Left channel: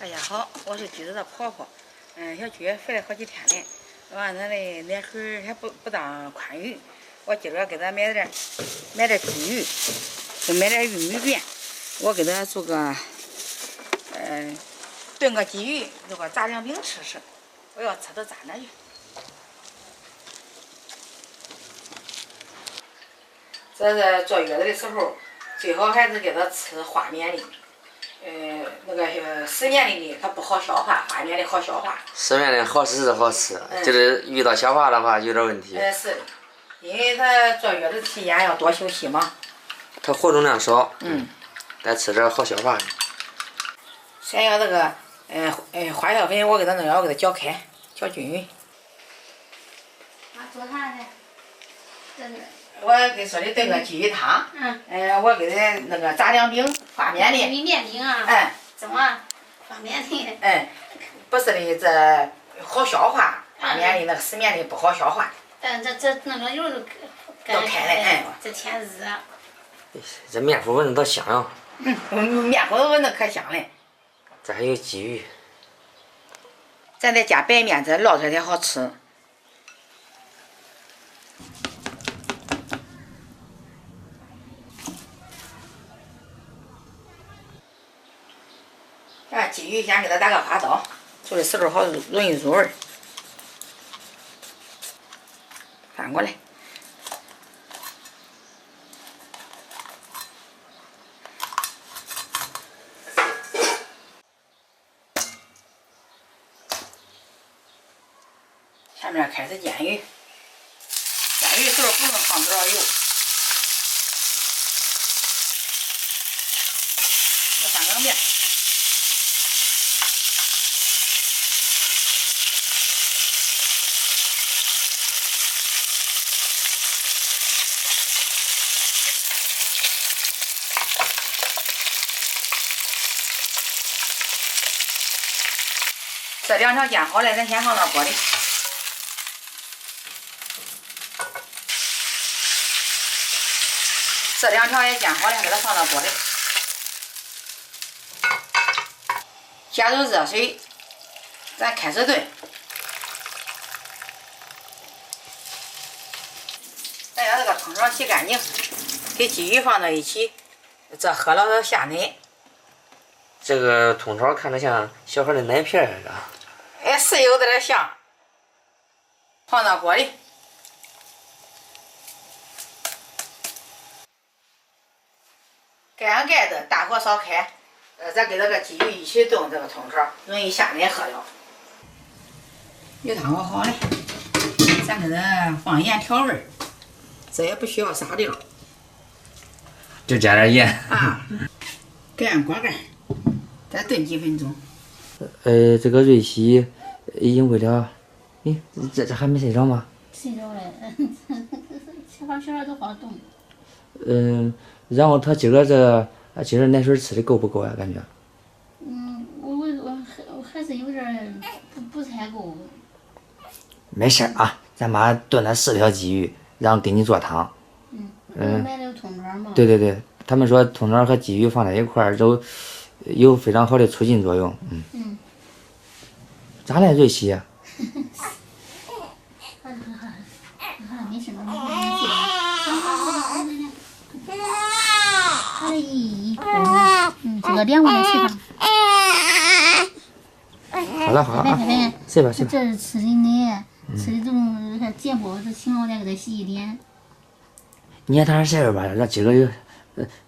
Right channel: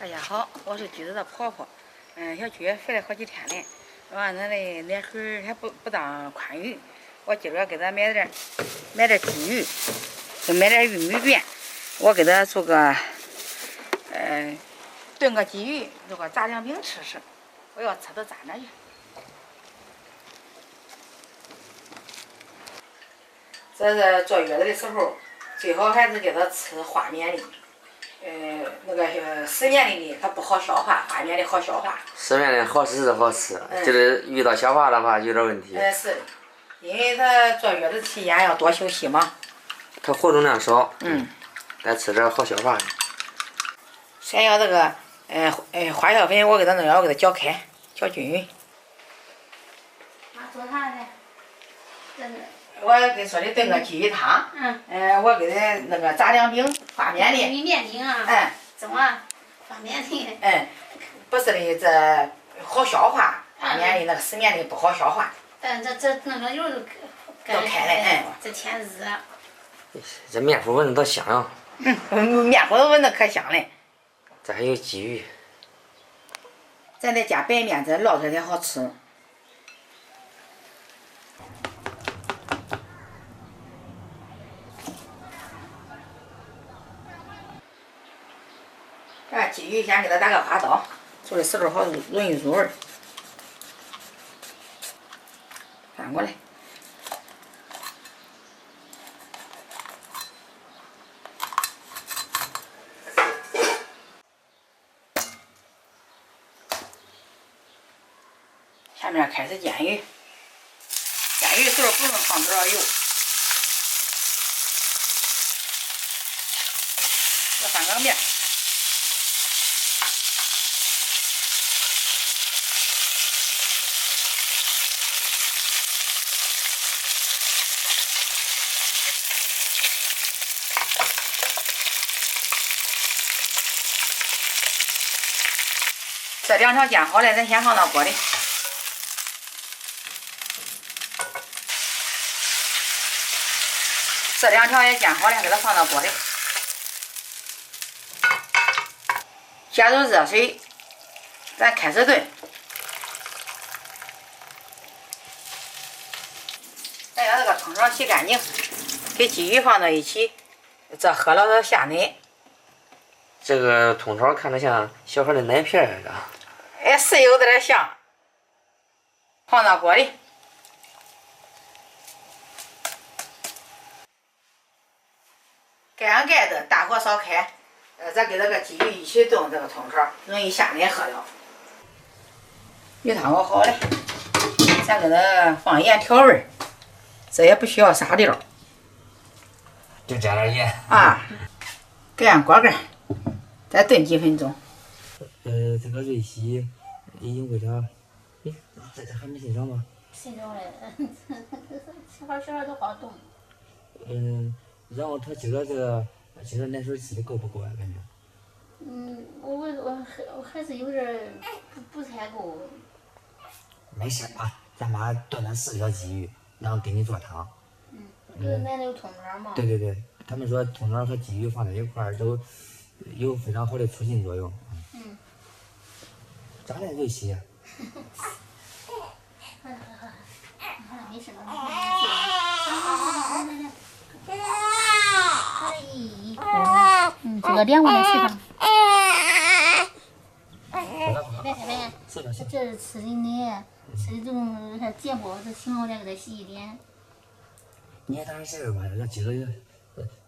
大家好，我是橘子的婆婆。小菊回来好几天了，完咱的奶水还不当宽裕，我今儿给她买点鲫鱼，再买点玉米片，我给她做个炖个鲫鱼，做个炸酱饼吃吃。我要吃到咋那去？这是坐月子的时候，最好还是给她吃花面的。那个湿面的它不好消化，花面的好消化。湿面的好吃是好吃，就是遇到消化的话有点问题。是的，因为他坐月子期间要多休息嘛。它活动量少，但吃点好消化的。先要这个花椒粉，我给它弄要给它搅开，搅均匀。做啥呢？我跟说的炖个鲫鱼汤，我给他那个炸酱饼，发面的。玉米面饼啊。怎么？发面的。不是的，这好消化，发面的那个湿面的不好消化。但这那个油都开了，这天热。这面糊闻着多香呀！面糊闻着可香了。这还有鲫鱼。咱再加白面，这烙出来才好吃。鲫鱼先给它打个花刀，做的时候好容易入味儿。翻过来。下面开始煎鱼，煎鱼的时候不用放多少油，要翻个面。这两条煎好了，咱先放到锅里。这两条也煎好了，给它放到锅里。加入热水，咱开始炖。咱把这个汤勺洗干净，给鲫鱼放到一起，这喝了下奶。这个通勺看着像小孩的奶片似的。是有点像。放到锅里。盖上盖子，大火烧开。咱跟这个鲫鱼一起炖，这个通勺容易下奶喝了。鱼汤熬好了，咱给它放盐调味儿，这也不需要撒料。就加点盐。盖上锅盖，再炖几分钟。这个瑞希已经喂了，这还没睡着吗？睡着了，小孩都好动。然后他今儿奶水吃的够不够呀？感觉？我还是有点不太够。没事啊，咱妈炖了4条鲫鱼，然后给你做汤。买的有通勺嘛？对，他们说通勺和鲫鱼放在一块儿都有非常好的促进作用。咋了，瑞希？没事了，这个凉快点睡吧。好了啊，睡吧。这是吃的奶，吃的这种还结包，这幸好再给它洗一点。你也躺着睡吧，让今个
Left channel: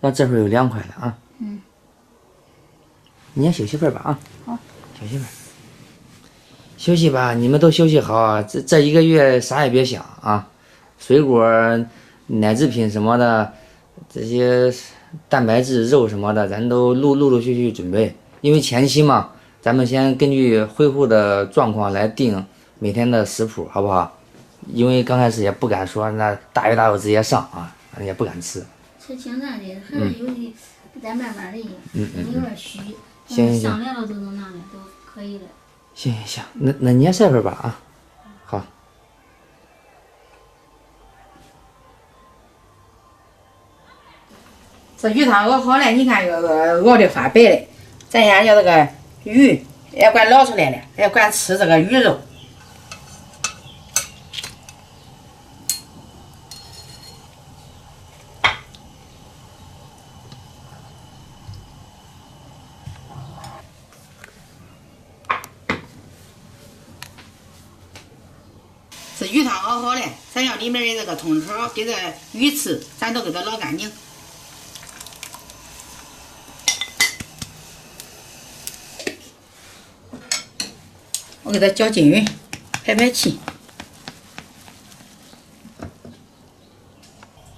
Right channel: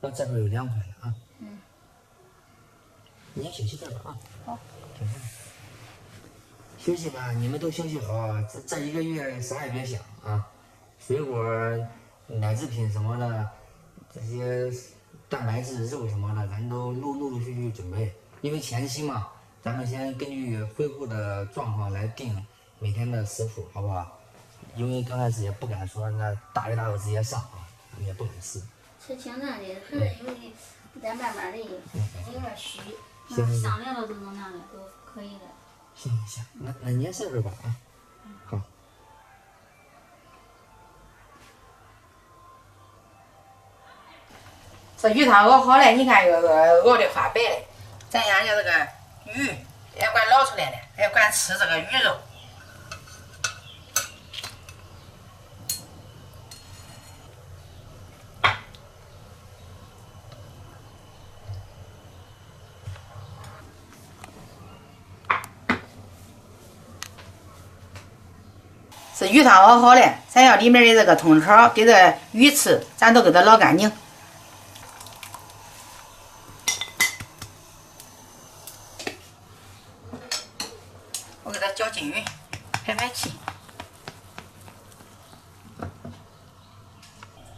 让这会儿又凉快了啊。你也休息会儿吧啊。好。休息会儿。休息吧，你们都休息好。这1个月啥也别想啊，水果、奶制品什么的，这些蛋白质、肉什么的，咱都陆续准备。因为前期嘛，咱们先根据恢复的状况来定每天的食谱，好不好？因为刚开始也不敢说那大鱼大肉直接上啊，也不敢吃。吃清淡的，还是有的，再慢慢的，有点虚。行，上来了都能那个都可以了。行，那你也睡会儿吧啊。好。这鱼汤熬好了，你看熬的发白了，咱先叫这个鱼也管捞出来了，也管吃这个鱼肉。这鱼汤熬好了，咱要里面的这个通肠跟这鱼翅，咱都给它捞干净。我给它搅均匀，排气。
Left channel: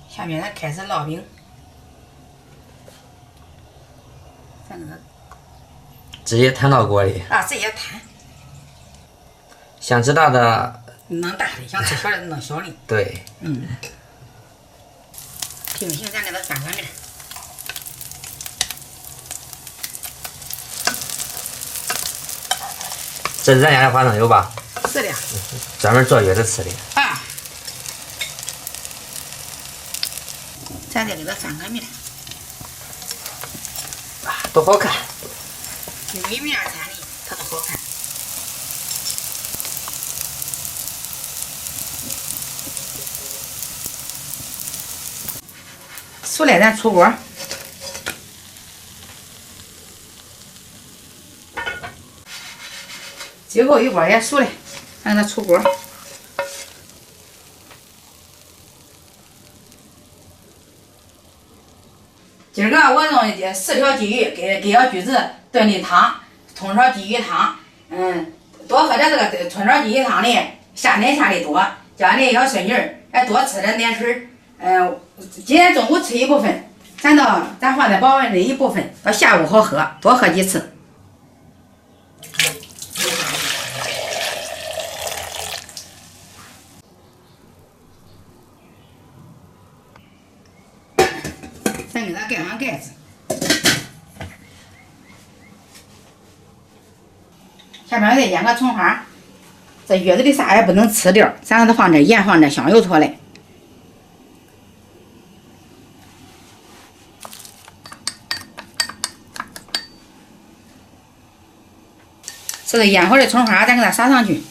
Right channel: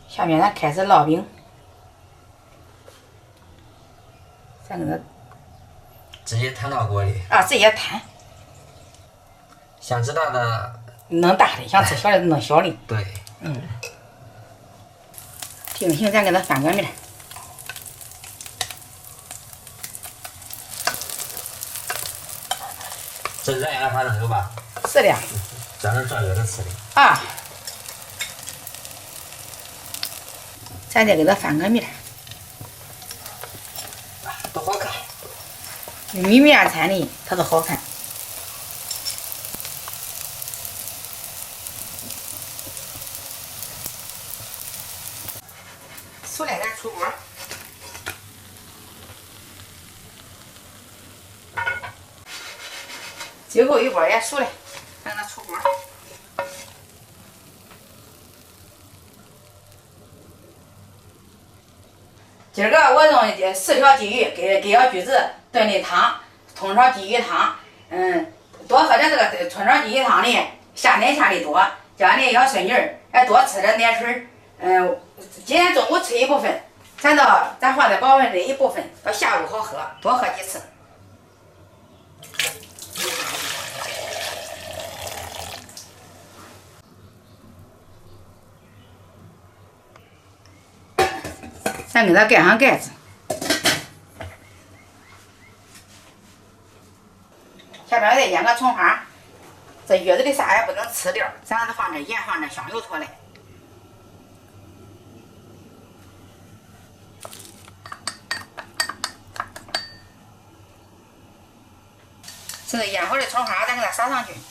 下面咱开始烙饼，咱给它直接摊到锅里。直接摊。想吃大的弄大的，想吃小的弄小的。对。定型咱给它翻个面。这是咱家的花生油吧？是的。专门坐月子吃的。咱再给它翻个面。多好看！玉米面摊的它都好看。熟了咱出锅。最后一锅也熟了，咱给它出锅。今儿个我用4条鲫鱼给小橘子炖的汤，通肠鲫鱼汤。多喝点这个通肠鲫鱼汤里下奶下的多，叫俺的小孙女儿多吃点奶水。今天中午吃一部分，咱放在保温里一部分，到下午好喝，多喝几次。咱给它盖上盖子。下面再腌个葱花，这月子里啥也不能吃掉，咱给它放点盐，放点香油出来。这个腌好的葱花，咱给它撒上去。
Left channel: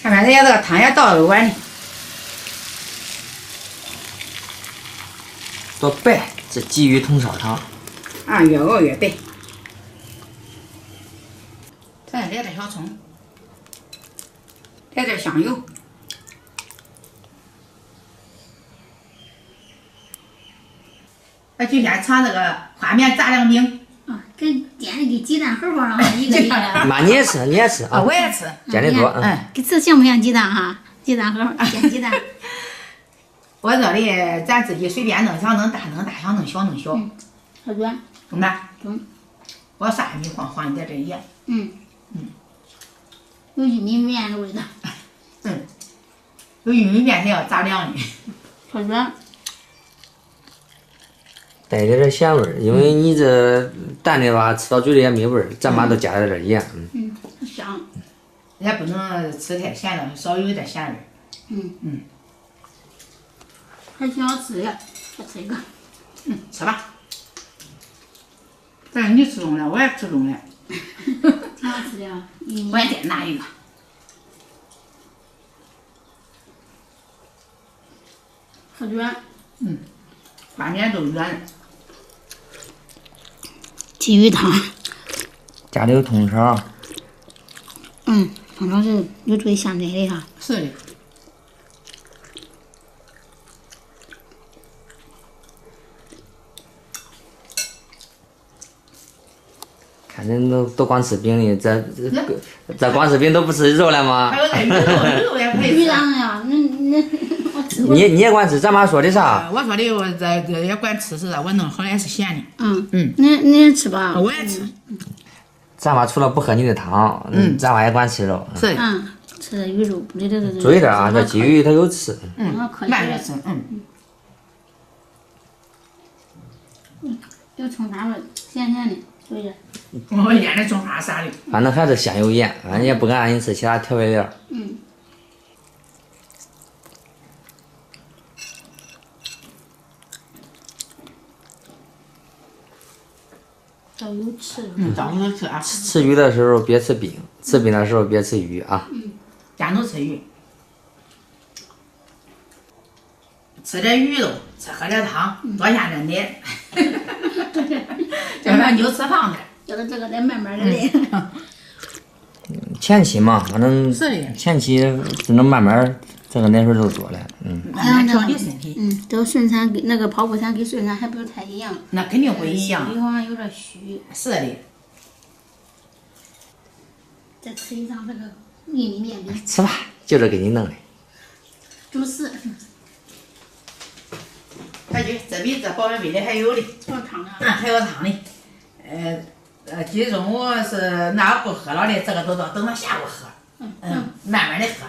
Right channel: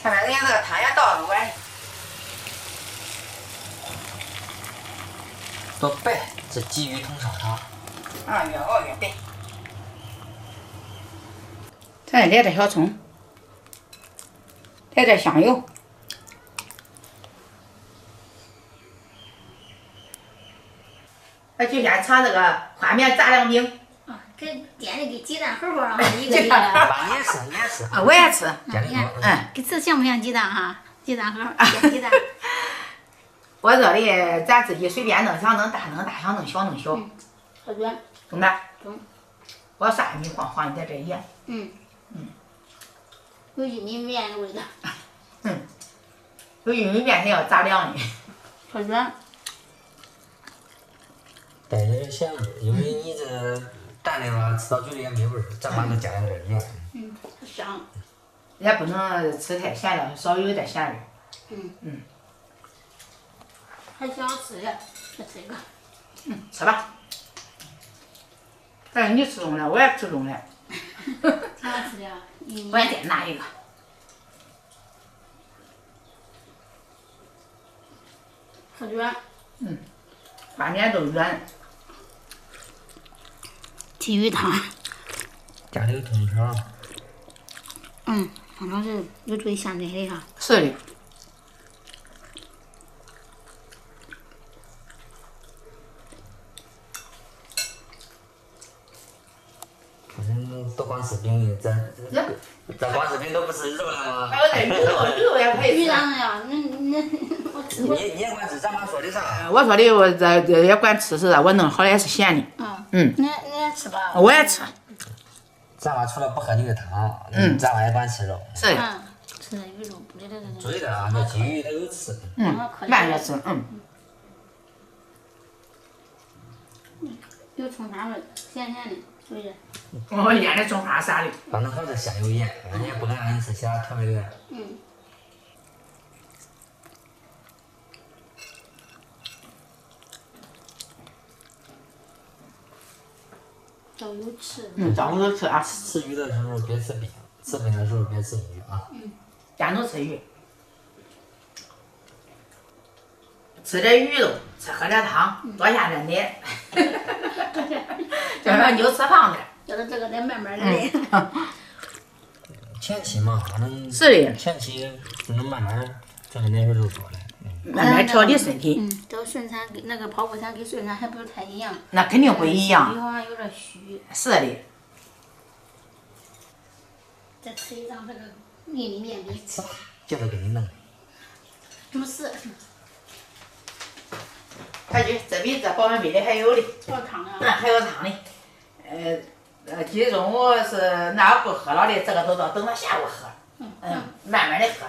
下面这个汤也倒个碗里。多白，这鲫鱼通烧汤。越熬越白。咱再来点小葱，来点香油。就先尝这个花面杂粮饼。跟煎的跟鸡蛋盒包上一个一个。妈，你也吃，你也吃啊？我也吃。煎的多。给这像不像鸡蛋哈？鸡蛋盒煎鸡蛋。我这里咱自己随便弄，想弄大弄大，想弄小弄小。好短。中的。中。我啥也没放一点这盐。有玉米面的味道。有玉米面还要杂粮的。好软。带点咸味儿，因为你这淡的吧，吃到嘴里也没味儿，咱妈都加了点盐。香。也不能吃太咸了，稍有点咸味儿。还挺好吃的，再吃一个。吃吧。但是你吃中了，我也吃中了。挺好吃的啊。我也再拿一个。好软。把面都软。鲫鱼汤。家里有通肠。通常是有助于下奶的哈。是的。看人都光吃饼的，这光吃饼都不吃肉了吗？还有点鱼肉也可以吃。鱼当然呀，我吃过。你也管吃？咱妈说的啥？我说的我这也管吃是我弄好的也是咸的。你也吃吧。我也吃。咱妈除了不喝你的汤，咱妈也管吃肉。是的。吃鱼肉，不对。注意点啊，这鲫鱼它有刺。慢着吃。有葱花味，咸咸的，注意点。我腌的葱花啥的。反正还是咸有盐，俺也不敢让你吃其他调味料。早有吃。早午都吃啊，吃鱼的时候别吃饼，吃饼的时候别吃鱼啊。天都吃鱼，吃点鱼肉，喝点汤，多下点奶，这样就吃胖点。叫他这个得慢慢的来。前期嘛，反正是的，前期只能慢慢这个奶水都多了，慢慢调理身体，这个顺产跟那个剖腹产跟顺产还不是太一样。那肯定不一样。鱼好像有点虚。是的，再吃一张这个玉米面饼。吃吧，就这给你弄的。主食。快去，这比这保温杯里还有的，做汤啊。还有汤的。今天中午是那不喝了的，这个都等到下午喝。慢慢的喝。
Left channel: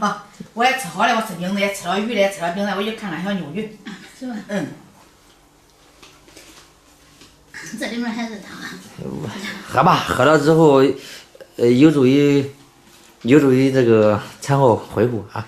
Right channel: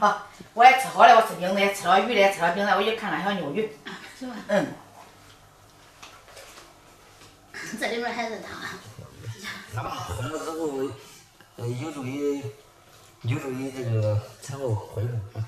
好，我也吃好了，我吃饼子也吃了鱼了，吃了饼子，我去看看小牛鱼。是吧？这里面还是汤。喝吧，喝了之后，有助于这个产后恢复啊。